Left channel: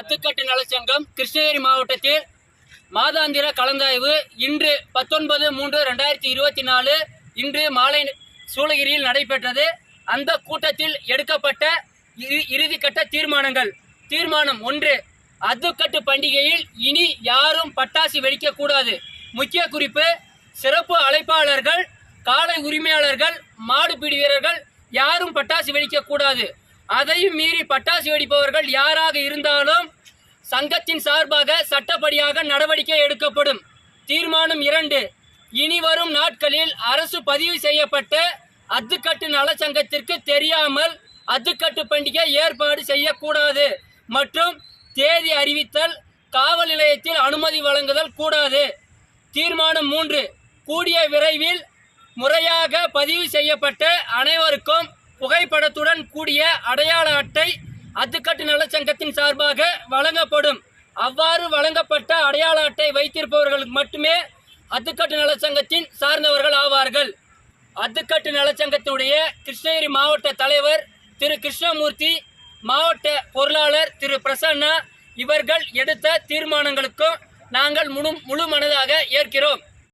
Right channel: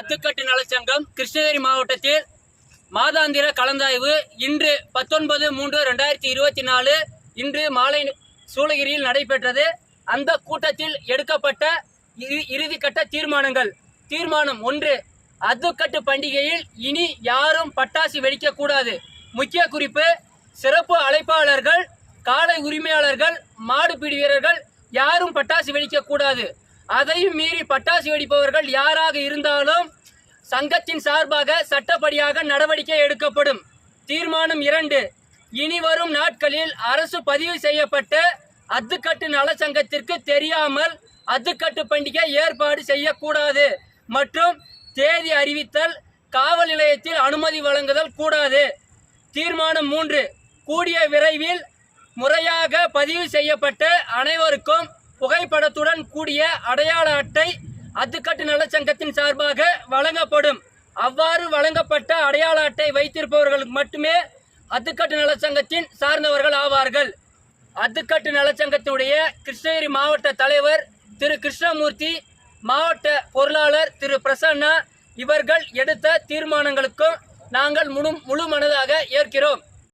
அத்துக்கட்டு நலச்சங்கம் கிருஷ்ணகிரி மாவட்டத்தில் மாதாந்திர கலந்தாய்வு இன்று பத்தொன்பது மூன்று ரெண்டாயிரத்தி இருபத்தி நாலு இன்று மாலை சூளகிரியில் நடைபெற்றது. அந்த கூட்டத்தில் எடுக்கப்பட்ட இறு- இறுதிக்கட்ட தீர்மானங்கள். தீர்மானம் ஒன்று அத்துக்கட்டு பண்டிகையில் இனி யாரும் பட்டாசு வெடிக்கக்கூடாது. முக்கிய குறிப்பு சிறப்பு அழைப்பாளர்கள் காலை உரிமையாளர்கள் மாடுபிடி வீரர்கள் யாரும் பட்டாசு வெடிக்கக்கூடாது. அதையும் மீறி பட்டாசு வெடிப்பவர்கள் யாராக இருந்தாலும் சங்கத்தின் சார்பாக சட்டப்படியாக நடவடிக்கை எடுக்கப்படும். தீர்மானம் இரண்டு. இனி வரும் நாட்களில் அரசு பதிவு செய்யப்பட்ட அத்துக்கட்டு நலச்சங்கத்திற்கு தெரியாமல் அத்துக்கட்டு பண்டிகை ஏற்பாடு செய்யக்கூடாது மற்றும் தேதி அறிவித்தல் காவல் நிலையத்தில் அனுமதி வழங்குதல் கூடாது. தீர்மானம் மூன்று. கூடிய விரைவில் முறையாக பதிவு செய்யப்பட்ட அனைவருக்கும் புகைப்படத்துடன் கூடிய அடையாள அட்டை அத்துக்கட்டு நலச்சங்கத்தின் சார்பாக வழங்கப்படும். அவ்வாறு வழங்கப்பட்ட அடையாள அட்டை வைத்திருப்பவர்களுக்கு மட்டுமே அத்துக்கட்டு நலச்சங்கத்தின் சார்ந்தவர்கள் ஆவார்கள். அத்துக்கட்டு நலச்சங்கத்துடைய கிருஷ்ணகிரி மாவட்ட தலைவர் திரு கிருஷ்ணமூர்த்தி மாவட்ட பொருளாளர் திரு பிரசன்னா இவர்கள் எடுத்த தீர்மானங்களுக்கும் நாங்கள் முழு முழு மனதாக ஏற்கிறோம்.